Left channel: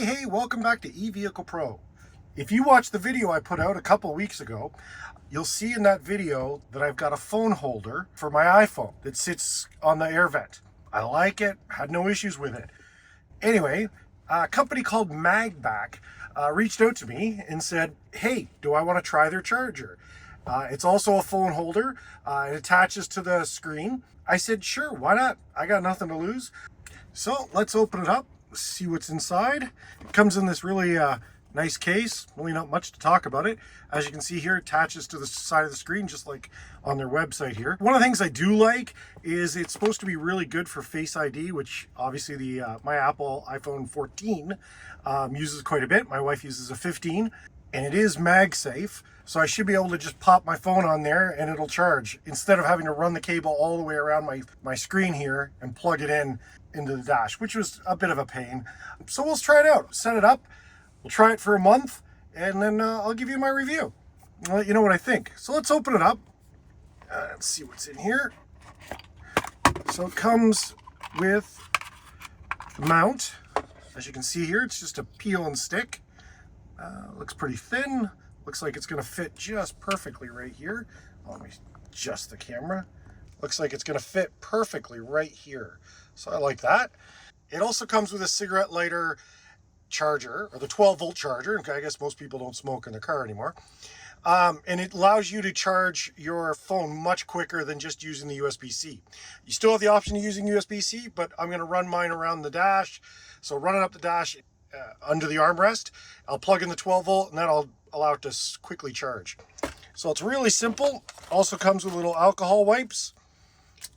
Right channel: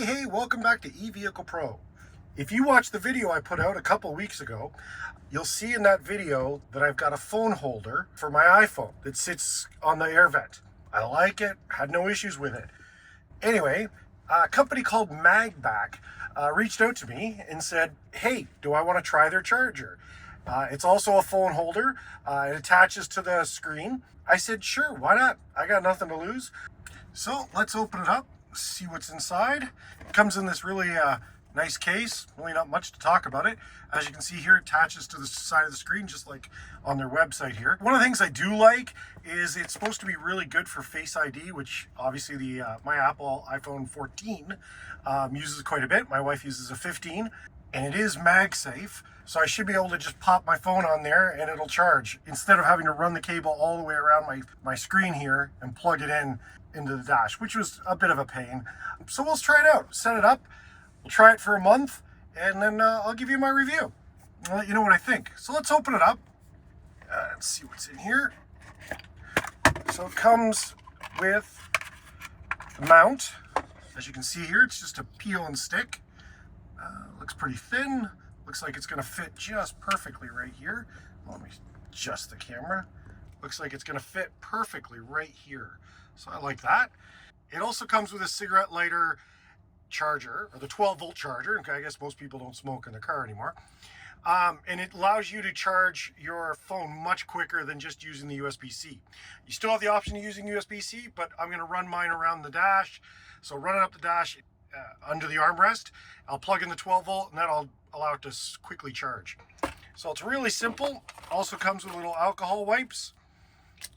Hey, welcome back to eVehicle Pro. If you watched the video I put out a couple weeks ago, you'll see in that video that I've got a phone holder for my iPhone that sits on the air vent. I like it, had no issues with it. Anyway, a company called MagBak reached out to me and said, hey, do I want to try their charger? It's also a phone holder. It attaches to the screen. I said, sure, why not? I got nothing to lose. So let's open it up, see what's inside. It comes in this really nice case, really not much to talk about it. As you can see here, it attaches to the side of the screen, just like on their website here. One of the things I do like is it's supposed to be really good for Face ID, which obviously the my Apple iPhone 14 uses quite a bit. My wife uses a 15, and it is MagSafe. So I should be able to just pop my phone on there and it'll charge, instead of having to run the cable all the way around my screen here and plug it into the dash, which was a bit of a pain. So we'll try it out, set it up. We'll try it for a month, and then I'll give you my review. I'll let you know what I think. So let's open it up. Let's see what's in here. So it comes with the mount. As you can see here, it's just a peel and stick. Looks pretty thin. Looks like it's going to fit just perfectly right here. Let me adjust the camera. Looks like it's going to fit perfectly right here. So I like that. It also comes with a cigarette lighter charger, or the 12-volt charger. I guess most people don't smoke in their car anymore. And it allows you to charge your phone much quicker than just using the USB-C. You still have the option of using USB-C, but I'm going to run mine around the dash. So running up the dash under the armrest, I'll plug in the 12-volt, and then I'll allow it to quickly charge. So it's really simple. Also comes with little alcohol wipes,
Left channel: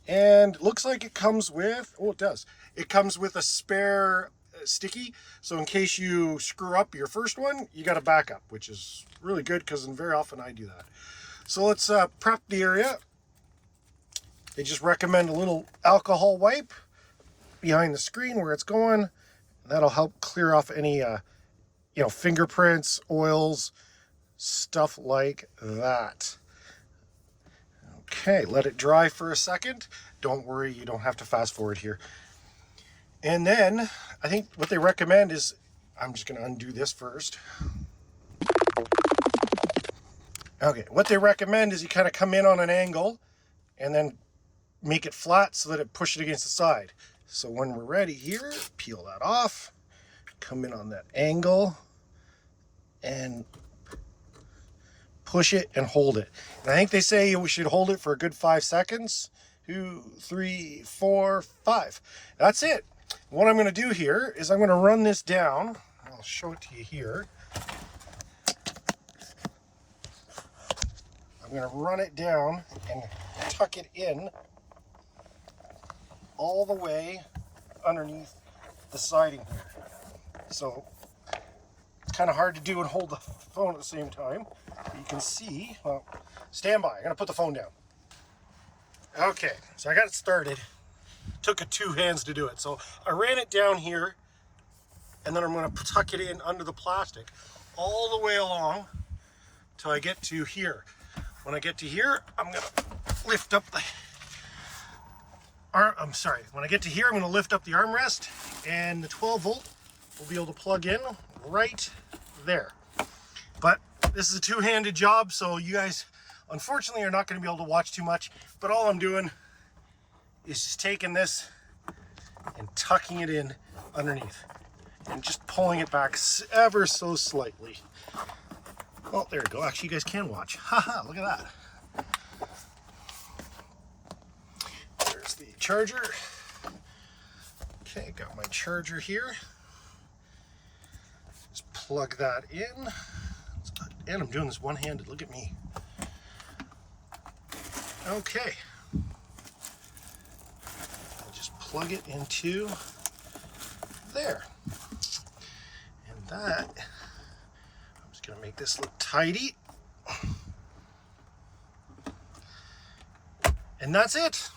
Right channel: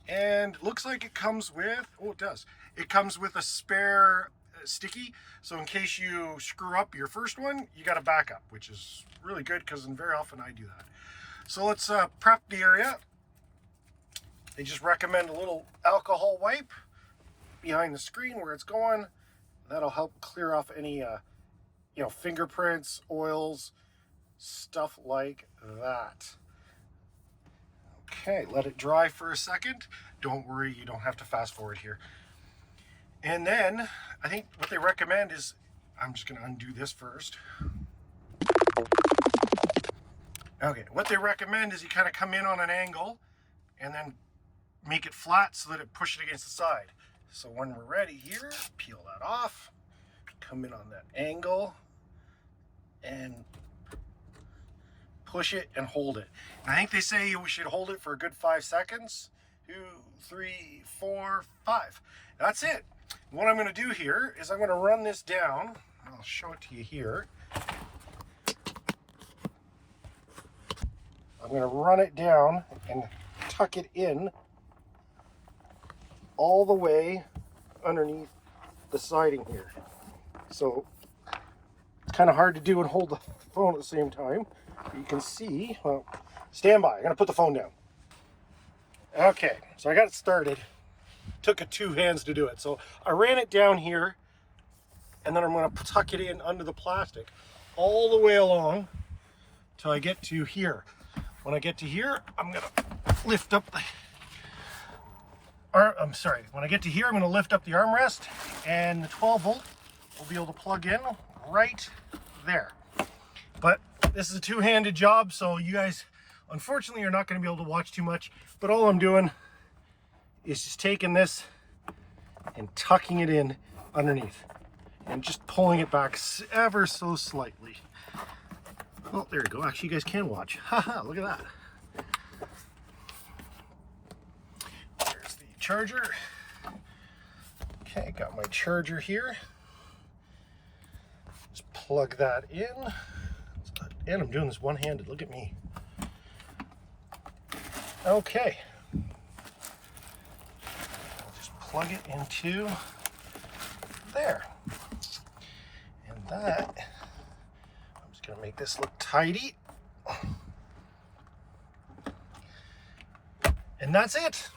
and it looks like it comes with, oh, it does. It comes with a spare sticky, so in case you screw up your first one, you got a backup, which is really good because very often I do that. So let's prep the area. They just recommend a little alcohol wipe behind the screen where it's going. That'll help clear off any fingerprints, oils, stuff like that. Okay, let it dry for a second. Don't worry, you don't have to fast forward here. And then I think what they recommend is, I'm just going to undo this first. Okay, what they recommend is you kind of come in on an angle and then make it flat so that it pushes it against the side. So when we're ready here, peel that off, come in on that angle and push it and hold it. And I think they say we should hold it for a good 5 seconds. 2, 3, 4, 5. That's it. What I'm going to do here is I'm going to run this down. I'll show it to you here. I'm going to run it down and tuck it in all the way underneath the siding here. So it's kind of hard to do and hold the phone at the same time. But you can see, well, stand by. I'm going to put the phone down. Okay, so I got it started. Took 2 hands to do it. So I ran it down here, and then I'm going to tuck it in under the plastic all the way along till I get to here. When I get to here, I'm going to lift up the when I get to here, I'm going to lift up the armrest, and the 12-volt will be able to plug in right there. But this is a 2-handed job, so you guys unfortunately are not going to be able to watch too much. But all I'm doing is just taking this and tucking it in underneath and just pulling it back ever so slightly. Oh, there you go. Actually, you guys can watch. Haha, look at that. There's the charger. Okay, got my charger here. Just plug that in. And I'm doing this one-handed. Look at me. Okay. Plug it into there. And that, I'm just going to make this look tidy. And that's it.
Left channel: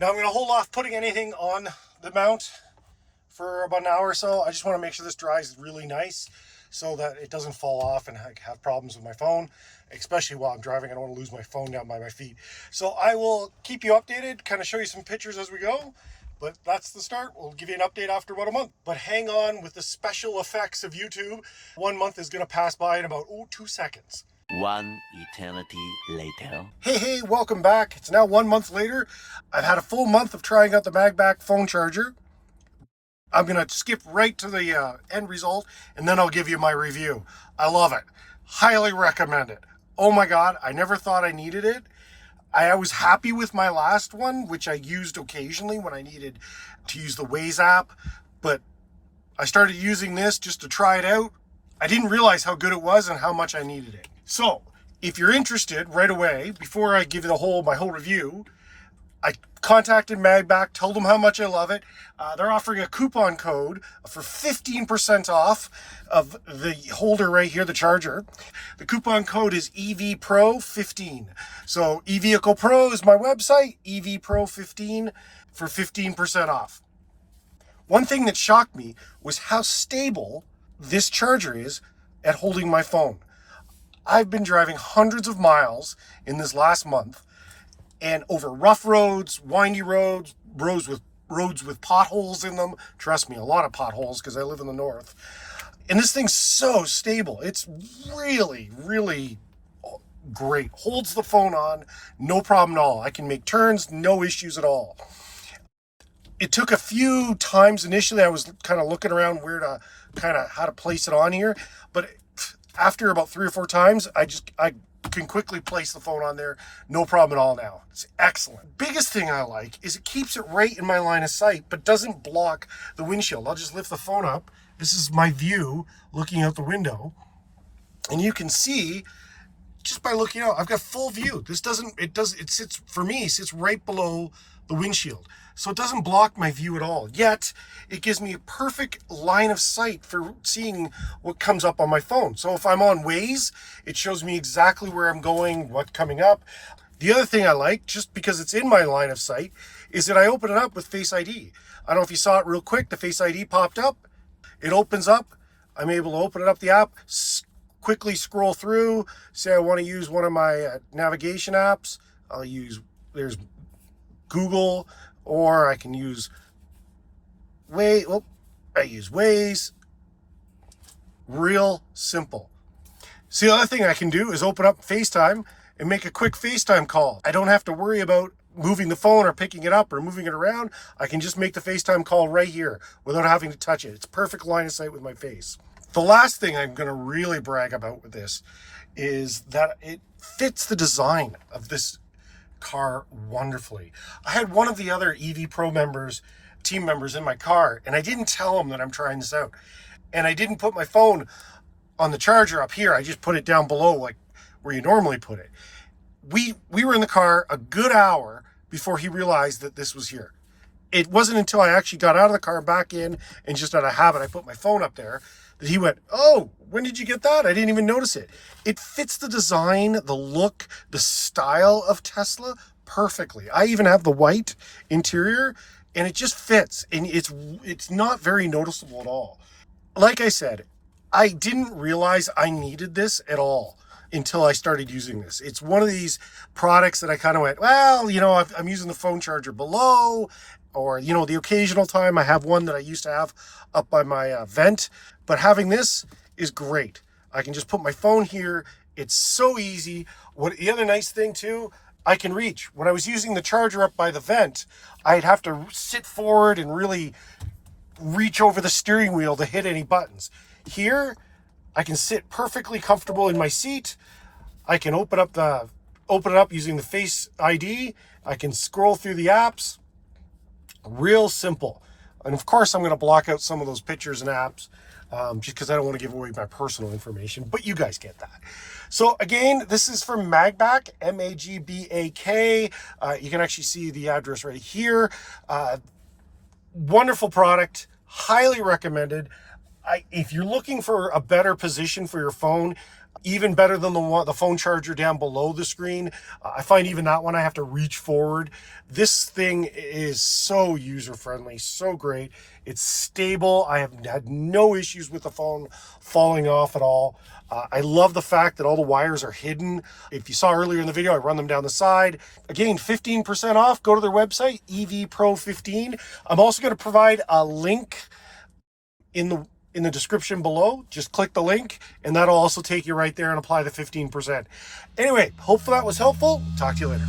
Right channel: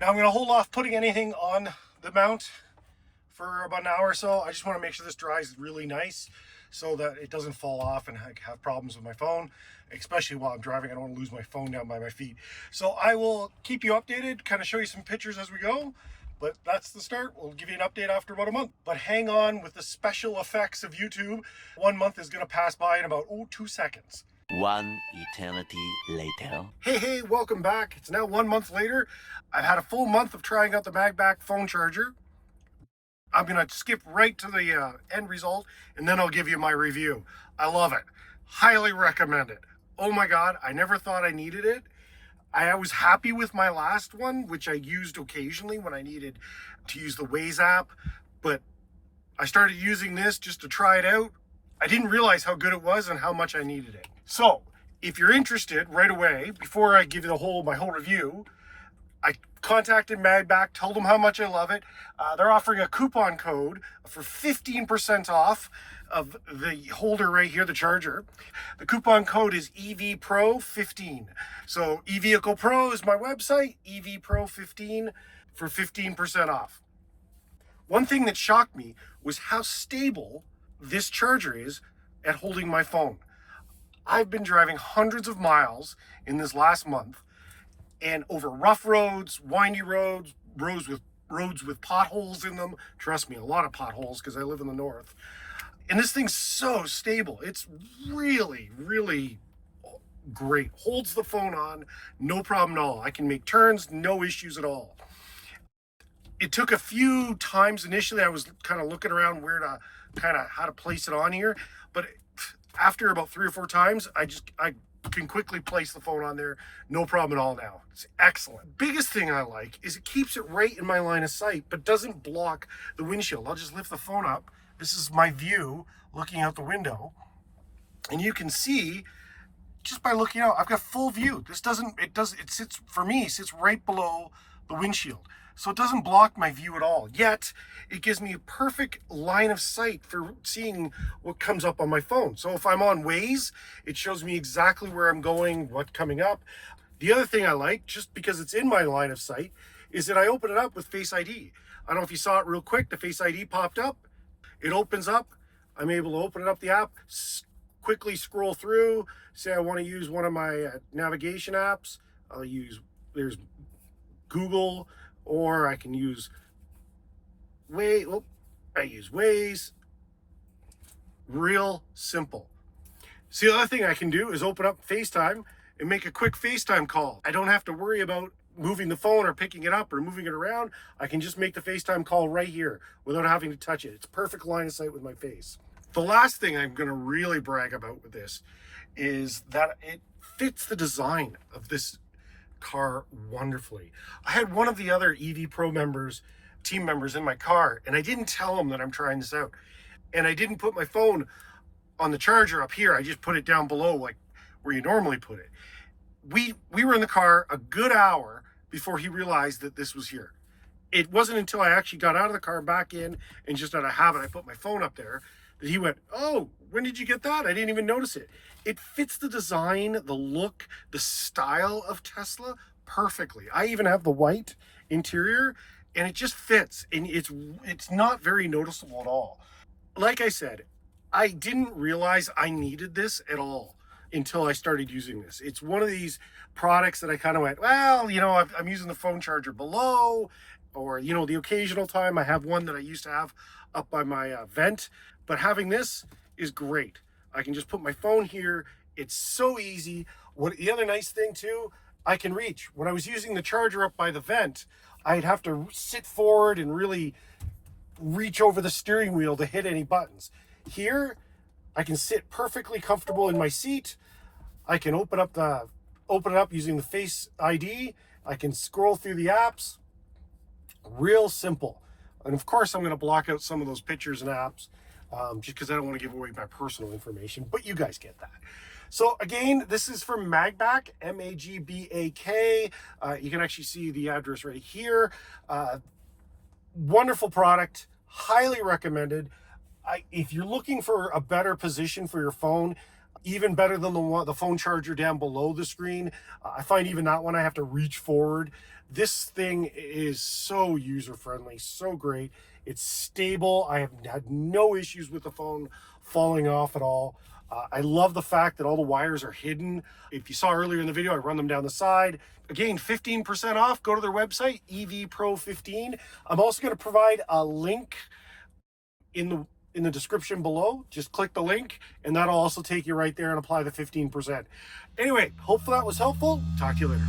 Now I'm going to hold off putting anything on the mount for about an hour or so. I just want to make sure this dries really nice so that it doesn't fall off and have problems with my phone, especially while I'm driving. I don't want to lose my phone down by my feet. So I will keep you updated, kind of show you some pictures as we go. But that's the start. We'll give you an update after about a month. But hang on with the special effects of YouTube. 1 month is going to pass by in about 2 seconds. One eternity later. Hey, welcome back. It's now 1 month later. I've had a full month of trying out the MagBak phone charger. I'm going to skip right to the end result, and then I'll give you my review. I love it. Highly recommend it. Oh my God, I never thought I needed it. I was happy with my last one, which I used occasionally when I needed to use the Waze app, but I started using this just to try it out. I didn't realize how good it was and how much I needed it. So, if you're interested right away, before I give you my whole review, I contacted MagBak, told them how much I love it. They're offering a coupon code for 15% off of the holder right here, the charger. The coupon code is EVPRO15. So eVehicle Pro is my website, EVPRO15 for 15% off. One thing that shocked me was how stable this charger is at holding my phone. I've been driving hundreds of miles in this last month, and over rough roads, windy roads, roads with potholes in them. Trust me, a lot of potholes because I live in the north. And this thing's so stable. It's really, really great. Holds the phone on, no problem at all. I can make turns, no issues at all. It took a few times initially. I was kind of looking around how to place it on here, but after about 3 or 4 times, I can quickly place the phone on there, no problem at all now. It's excellent. Biggest thing I like is it keeps it right in my line of sight, but doesn't block the windshield. I'll just lift the phone up. This is my view looking out the window, and you can see just by looking out, I've got full view. It sits right below the windshield. So it doesn't block my view at all. Yet, it gives me a perfect line of sight for seeing what comes up on my phone. So if I'm on Waze, it shows me exactly where I'm going, what's coming up. The other thing I like, just because it's in my line of sight, is that I open it up with Face ID. I don't know if you saw it real quick. The Face ID popped up. It opens up. I'm able to open it up the app, quickly scroll through, say I want to use one of my navigation apps. There's Google, or I can use I use Waze. Real simple. See, the other thing I can do is open up FaceTime and make a quick FaceTime call. I don't have to worry about moving the phone or picking it up or moving it around. I can just make the FaceTime call right here without having to touch it. It's perfect line of sight with my face. The last thing I'm going to really brag about with this is that it fits the design of this car wonderfully. I had one of the other EV Pro team members in my car, and I didn't tell him that I'm trying this out. And I didn't put my phone on the charger up here. I just put it down below, like where you normally put it. We were in the car a good hour before he realized that this was here. It wasn't until I actually got out of the car, back in, and just out of habit, I put my phone up there, that he went, "Oh, when did you get that? I didn't even notice it." It fits the design, the look, the style of Tesla perfectly. I even have the white interior, and it just fits, and it's not very noticeable at all. Like I said, I didn't realize I needed this at all until I started using this. It's one of these products that I kind of went, well, I'm using the phone charger below, or, the occasional time I have one that I used to have up by my vent. But having this is great. I can just put my phone here. It's so easy. The other nice thing too, I can reach. When I was using the charger up by the vent, I'd have to sit forward and really reach over the steering wheel to hit any buttons. Here, I can sit perfectly comfortable in my seat. I can open it up using the Face ID. I can scroll through the apps. Real simple. And of course, I'm going to block out some of those pictures and apps just because I don't want to give away my personal information, but you guys get that. So again, this is from MagBak, MagBak. You can actually see the address right here. Wonderful product, highly recommended. If you're looking for a better position for your phone, Even better than the phone charger down below the screen. I find even that one I have to reach forward. This thing is so user-friendly, so great. It's stable. I have had no issues with the phone falling off at all. I love the fact that all the wires are hidden. If you saw earlier in the video, I run them down the side. Again, 15% off. Go to their website, EVPro15. I'm also going to provide a link in the description below. Just click the link and that'll also take you right there and apply the 15%. Anyway, hopefully that was helpful. Talk to you later.